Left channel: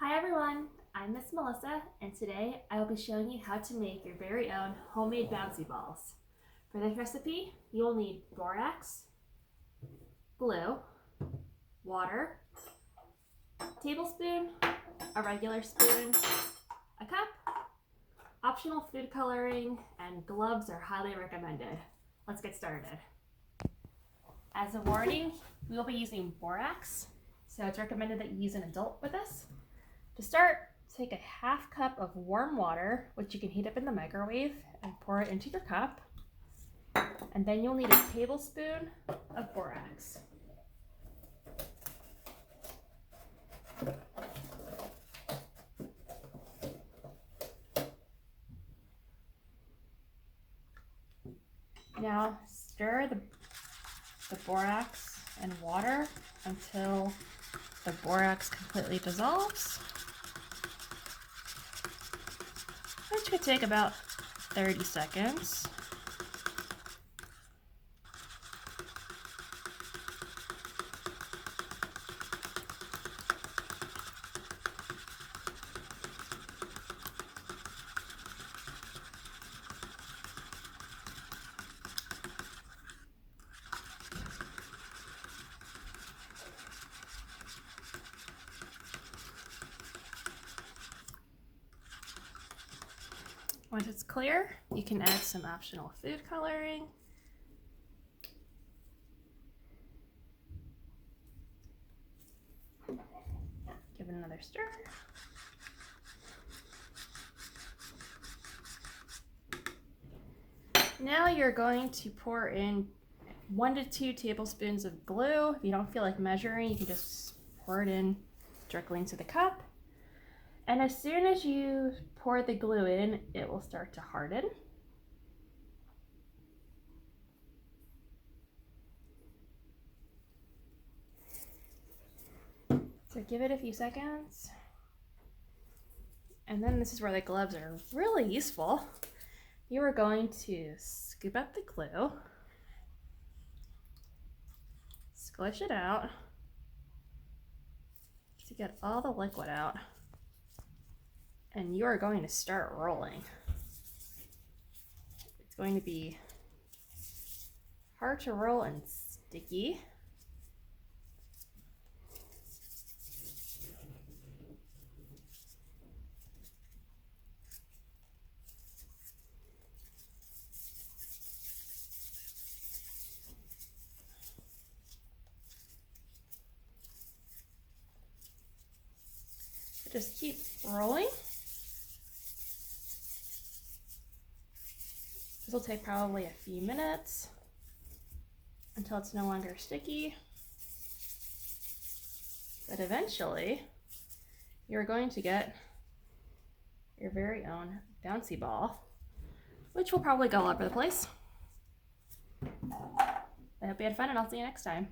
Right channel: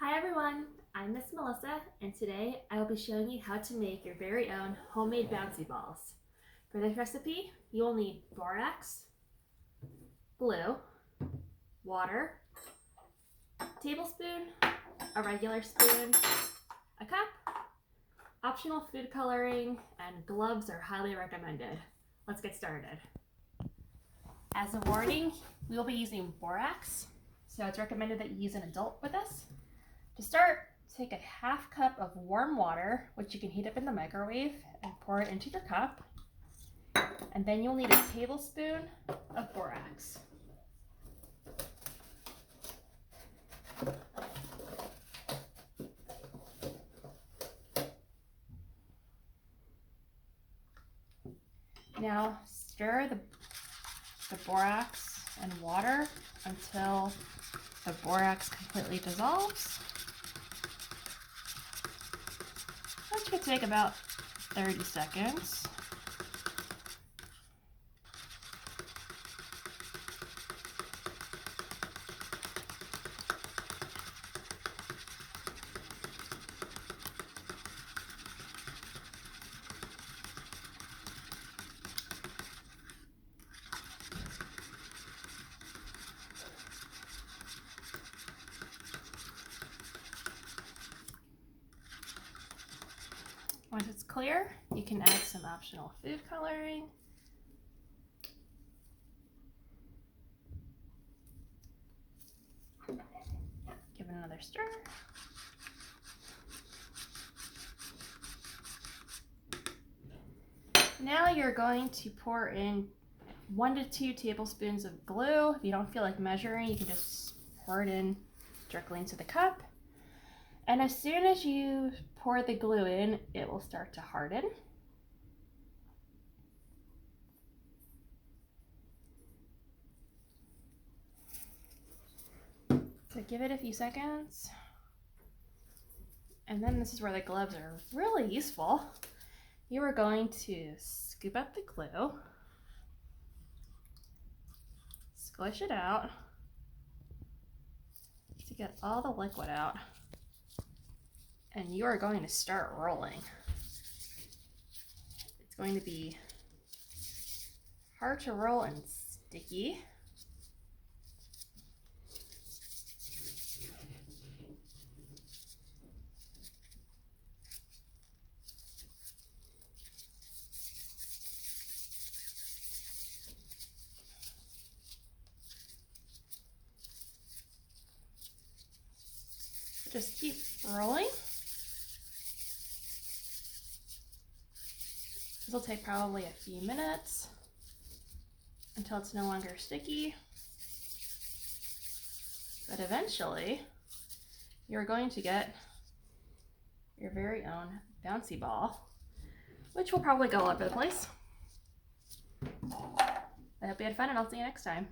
Hi everyone, I'm Miss Melissa, and today I will be showing you how to make your very own homemade bouncy balls. For this recipe, you will need borax, glue, water, a tablespoon, a regular spoon, a cup, optional food coloring, and gloves are highly recommended. Let's get started. As a warning, we will be using borax, so it's recommended that you use an adult with this. To start, take a half cup of warm water, which you can heat up in the microwave, and pour it into your cup. And then you'll need a tablespoon of borax. Now stir the borax and water until the borax completely dissolves. Which could take about 30 seconds. Once it's clear, you can add some optional food coloring. Give it another stir. Now you're going to pour in 1 to 2 tablespoons of glue. If you don't feel like measuring, you can just pour it in directly into the cup. And as soon as you pour the glue in, it will start to harden. So give it a few seconds. And then this is where the gloves are really useful. You are going to scoop up the glue, squish it out to get all the liquid out, and you are going to start rolling. It's going to be hard to roll and sticky. Just keep rolling. This will take probably a few minutes until it's no longer sticky. But eventually, you're going to get your very own bouncy ball, which will probably go all over the place. I hope you had fun, and I'll see you next time.